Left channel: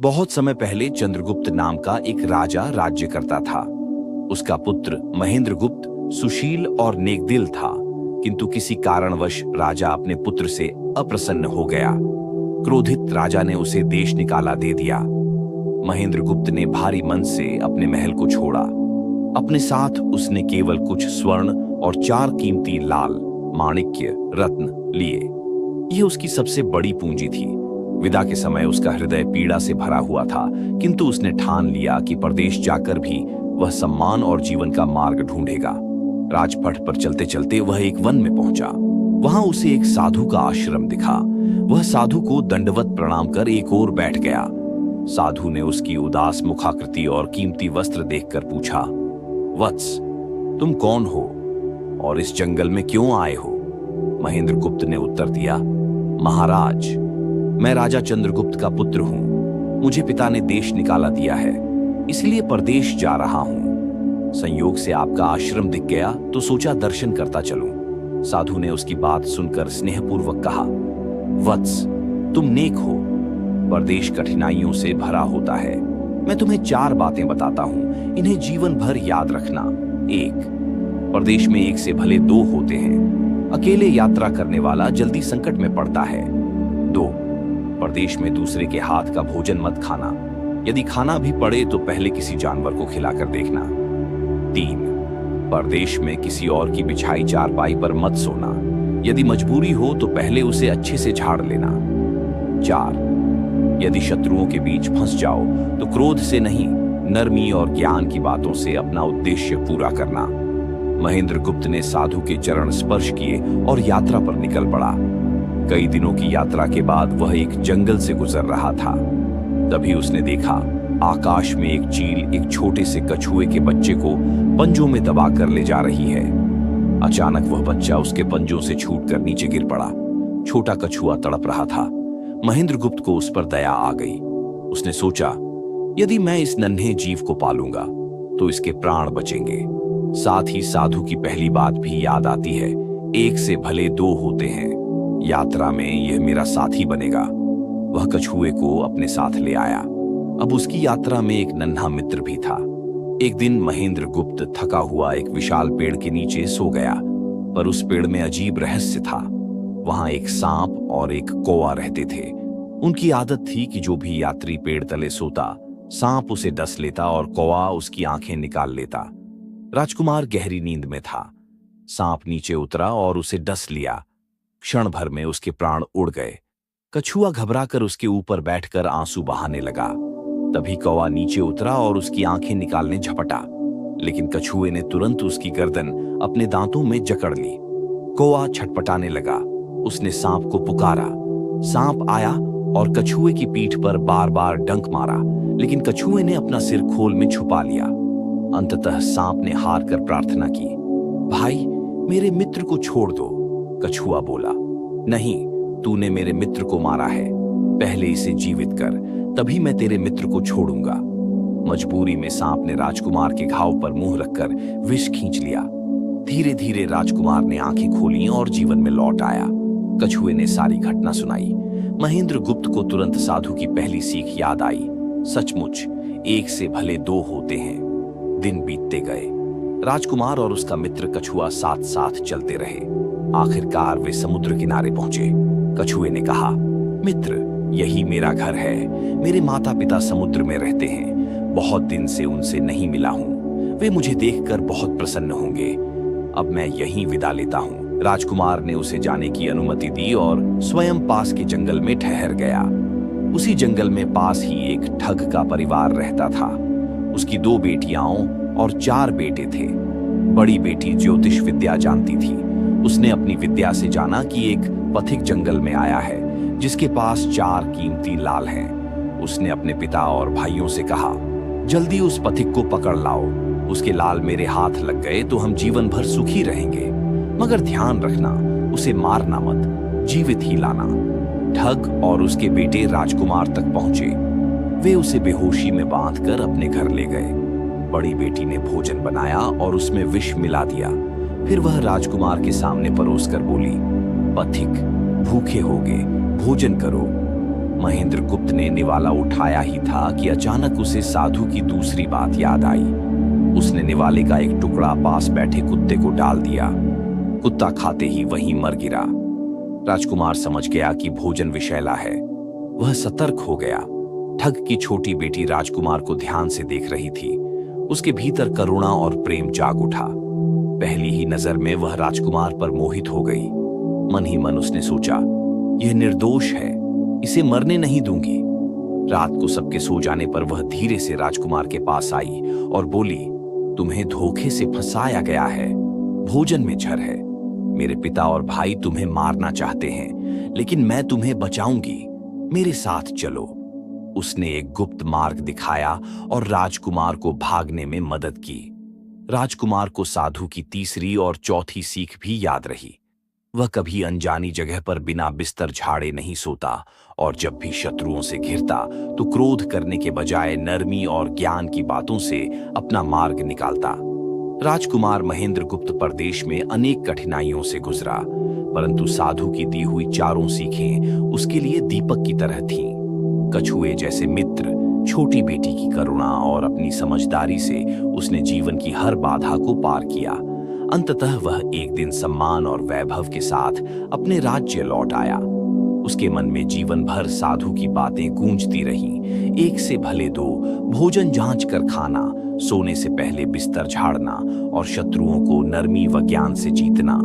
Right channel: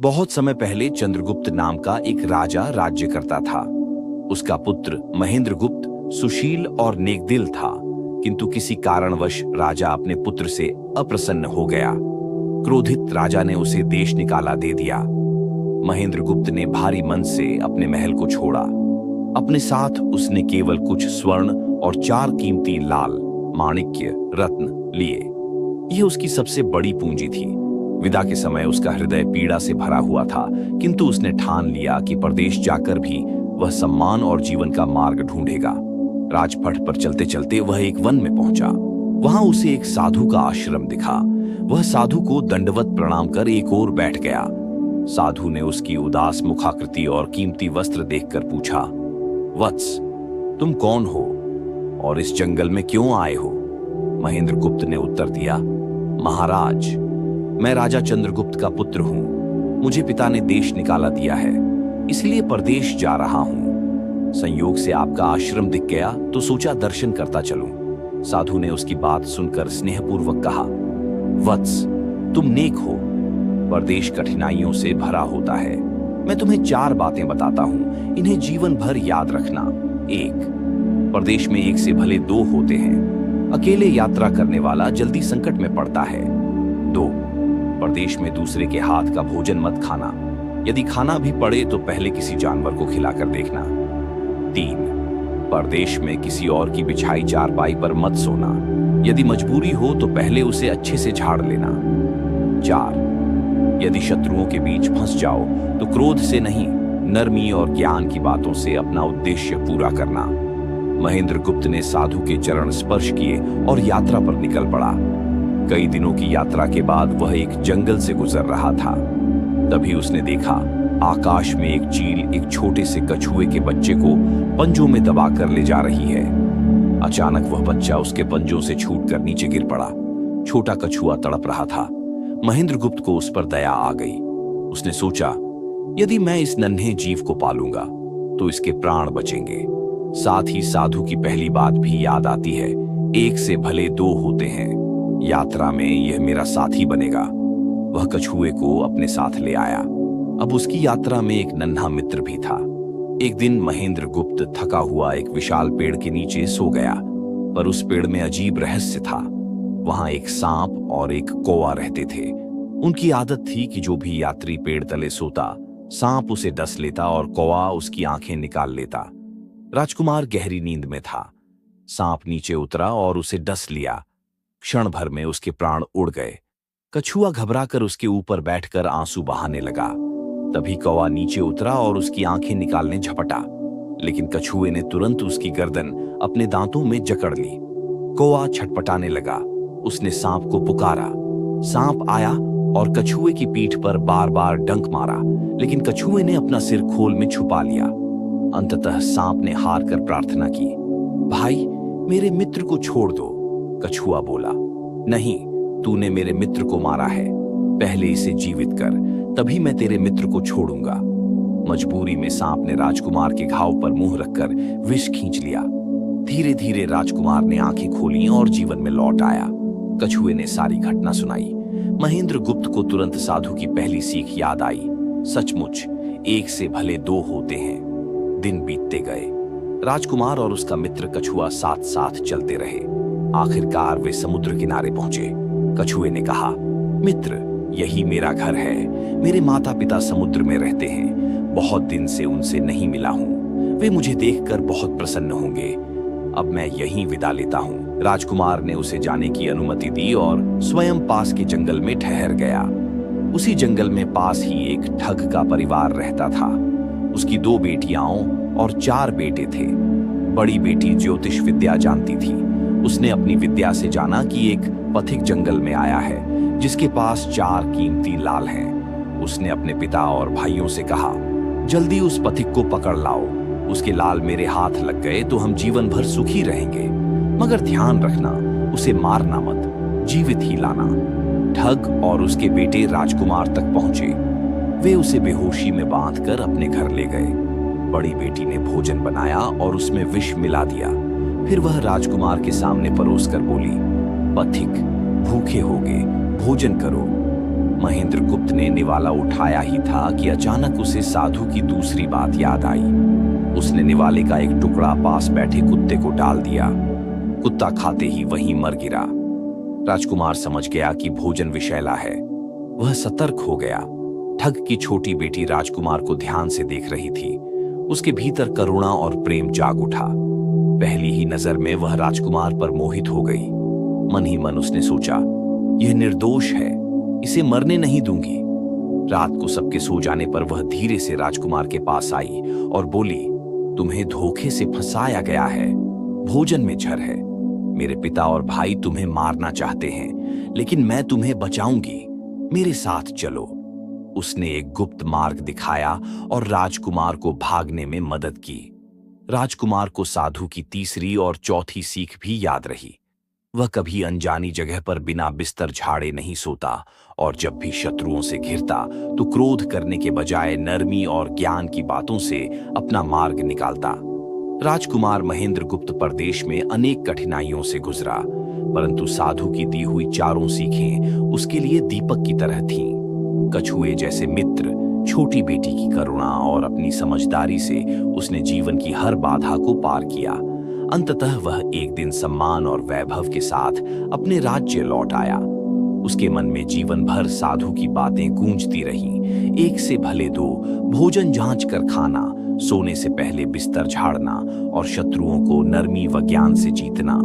बहुत समय पहले चंद्रगुप्त नाम का एक राजा राज्य करता था। उसका पुत्र महेंद्रगुप्त सुशील और नेकदिल था, किंतु किसी कारणवश राजा अपने पुत्र से अप्रसन्न हो गया। क्रोधित राजा ने उसे देश निकाला दे दिया। महेंद्रगुप्त ने भारी मन से अपने महल को छोड़ा। अपने साथ उसने केवल कुछ स्वर्ण और 4 कीमती लाल माणिक्य रत्न लिए। यह उसकी सबसे बड़ी पूंजी थी। विदा के समय उसका हृदय पीड़ा से भरा हुआ था, किंतु उसने ठान लिया कि परदेश जाकर भी वह सम्मान और जीवन का मार्ग ढूंढेगा। राजपथ पर चलते चलते वह एक वन में पहुंचा। वहां उसे एक साधु का आश्रम दिखा। वह साधु को दंडवत प्रणाम कर एक ओर बैठ गया। साधु ने उसकी उदास मुखाकृति और कीमती वस्त्र देखकर पूछा, वत्स, तुम कौन हो और इस जंगल में क्यों आए हो? महेंद्रगुप्त ने उत्तर दिया, महाराज, मैं राजा चंद्रगुप्त का पुत्र हूं। मुझे पिता ने देश निकाला दिया है, इसलिए परदेश जा रहा हूं। संयोग से आपका आश्रम दिख गया तो सोचा दर्शन करता चलूं। साधु ने उसकी बात सुनकर स्नेहपूर्वक कहा, वत्स, तुम नेक हो। परदेश कठिनाइयों से भरा होता है। मैं तुम्हें 4 बातें बताता हूं, इन्हें जीवन भर याद रखना। 1, परदेश में एक से भले 2 होते हैं। अकेले यात्रा करने वाला जल्दी संकट में पड़ता है। 2, परदेश में दूसरे के हाथ का भोजन मत खाना। यदि खाना भी पड़े तो पहले किसी जानवर को खिलाकर देखना। 3, परदेश में किसी और की बिछाई चारपाई पर मत सोना। यदि मजबूरी हो तो पहले उसे अच्छे से झाड़ लेना। 4, यदि शत्रुओं के बीच फंस जाओ तो क्रोध से नहीं, नरमी और ज्ञान की बातों से अपना उद्देश्य पूरा करना। महेंद्रगुप्त ने साधु के चरण स्पर्श किए और यात्रा पर निकल पड़ा। कई दिनों की यात्रा के बाद वह एक जंगल से गुजर रहा था। तभी उसने देखा, आकाश में एक चील एक छोटे से कछुए के बच्चे को पंजों में दबाकर ले जा रही है। अचानक वह बच्चा उसके पंजों से छूटकर नीचे गिर पड़ा। छोटा कछुआ तड़प रहा था। महेंद्रगुप्त को उस पर दया आ गई। उसने सोचा, यदि मैं इस नन्हे जीव को पालूंगा तो इसके प्राण बचेंगे। साथ ही साधु की पहली बात भी याद आती है, एक से भले 2 होते हैं। यात्रा में यह मेरा साथी बनेगा। वह कछुए को अपने साथ ले आया। अब उसकी यात्रा में एक नन्हा मित्र भी था। एक दिन महेंद्रगुप्त थका हुआ एक विशाल पेड़ के नीचे सो गया, पर उस पेड़ में अजीब रहस्य था। वहां एक सांप और एक कौवा रहते थे। उनकी आदत थी कि जो भी यात्री पेड़ तले सोता, सांप उसे डस लेता और कौवा उसकी आंखें निकाल लेता। राजकुमार गहरी नींद में था। सांप नीचे उतरा और उसे डस लिया। क्षण भर में उसके प्राण उड़ गए। कछुआ घबराकर उसके ऊपर बैठकर आंसू बहाने लगा। तभी कौवा नीचे उतरा और उसकी आंखें निकालने झपटा, लेकिन कछुए ने तुरंत उसकी गर्दन अपने दांतों में जकड़ ली। कौवा छटपटाने लगा। उसने सांप को पुकारा। सांप आया और कछुए की पीठ पर बार बार डंक मारा, लेकिन कछुए ने अपना सिर खोल में छुपा लिया। अंततः सांप ने हार कर प्रार्थना की, भाई, मेरे मित्र को छोड़ दो। कछुआ बोला, नहीं, तूने मेरे मित्र को मारा है। पहले इसे जीवित कर, तभी मैं तेरे मित्र को छोड़ूंगा। मजबूरी में सांप ने राजकुमार के घाव पर मुंह रखकर विष खींच लिया। धीरे धीरे राजकुमार ने आंखें खोली और जीवन में लौट आया। कछुए ने सारी घटना सुनाई। महेंद्रगुप्त को तुरंत साधु की पहली सीख याद आई। सचमुच एक से भले 2 होते हैं। दिन बीतते गए। राजकुमार और उसका मित्र कछुआ साथ साथ चलते रहे। आखिरकार वे समुद्र किनारे पहुंचे। कछुए ने कहा, मित्र, यही मेरा घर है। मेरे माता पिता समुद्र में रहते हैं। बहुत दिन से उनसे नहीं मिला हूं। वे मुझे देखकर बहुत प्रसन्न होंगे। अब मैं यहीं विदा लेता हूं। राजकुमार ने उसे जाने की अनुमति दी और स्वयं पास के जंगल में ठहर गया। उसी जंगल में पास ही एक ठग का परिवार रहता था। उसकी 2 बेटियां और 4 बेटे थे। बड़ी बेटी ज्योतिष विद्या जानती थी। उसने अपनी विद्या से जाना कि एक पथिक जंगल में आया है जिसके पास 4 कीमती लाल हैं। उसने अपने पिता और भाइयों से कहा, जल्दी उस पथिक को पकड़ लाओ। उसके लाल मेरे हाथ लग गए तो हम जीवन भर सुखी रहेंगे। मगर ध्यान रखना, उसे मारना मत, जीवित ही लाना। ठग और उसके बेटे राजकुमार तक पहुंचे। वे उसे बेहोशी में बांधकर अपने घर ले गए। बड़ी बेटी ने भोजन बनाया और उसमें विष मिला दिया। फिर वह राजकुमार के सामने परोसकर बोली, पथिक, भूखे होगे, भोजन करो। महेंद्र गुप्त ने निवाला उठाया ही था कि अचानक उसे साधु की दूसरी बात याद आई। उसने निवाले का एक टुकड़ा पास बैठे कुत्ते को डाल दिया। कुत्ता खाते ही वहीं मर गिरा। राजकुमार समझ गया कि भोजन विषैला है। वह सतर्क हो गया। ठग की छोटी बेटी राजकुमार को ध्यान से देख रही थी। उसके भीतर करुणा और प्रेम जाग उठा। पहली ही नजर में वह राजकुमार पर मोहित हो गई। मन ही मन उसने सोचा, यह निर्दोष है, इसे मरने नहीं दूंगी। रात को सबके सो जाने पर वह धीरे से राजकुमार के पास आई और बोली, तुम्हें धोखे से फंसाया गया है, भोजन में जहर है। मेरे पिता और भाई तुम्हें मारना चाहते हैं, लेकिन मैं तुम्हें बचाऊंगी, मेरे साथ चलो। उसने एक गुप्त मार्ग दिखाया और राजकुमार को भागने में मदद की। राजकुमार को साधु की तीसरी और चौथी सीख भी याद रही। वह कभी अनजानी जगह पर बिना बिस्तर झाड़े नहीं सोता और जब भी शत्रुओं से घिरता तो क्रोध करने के बजाय नरमी और ज्ञान की बातों से अपना मार्ग निकालता। राजकुमार महेंद्र गुप्त प्रदेश में अनेक कठिनाइयों से गुजरा, परंतु साधु की दी हुई चारों सीखें उसके लिए दीपक की तरह थीं। कछुए जैसे मित्र, छोटी बेटी की करुणा और अपनी समझदारी से उसने जीवन की हर बाधा को पार किया। अंततः वह एक दिन सम्मान और वैभव के साथ अपने राज्य लौट आया। उसके मन में जीवन भर साधु की बातें गूंजती रहीं। एक से भले दो, भोजन जांच कर खाना, सोने से पहले बिस्तर झाड़ना और शत्रुओं को नरमी व ज्ञान से जीतना।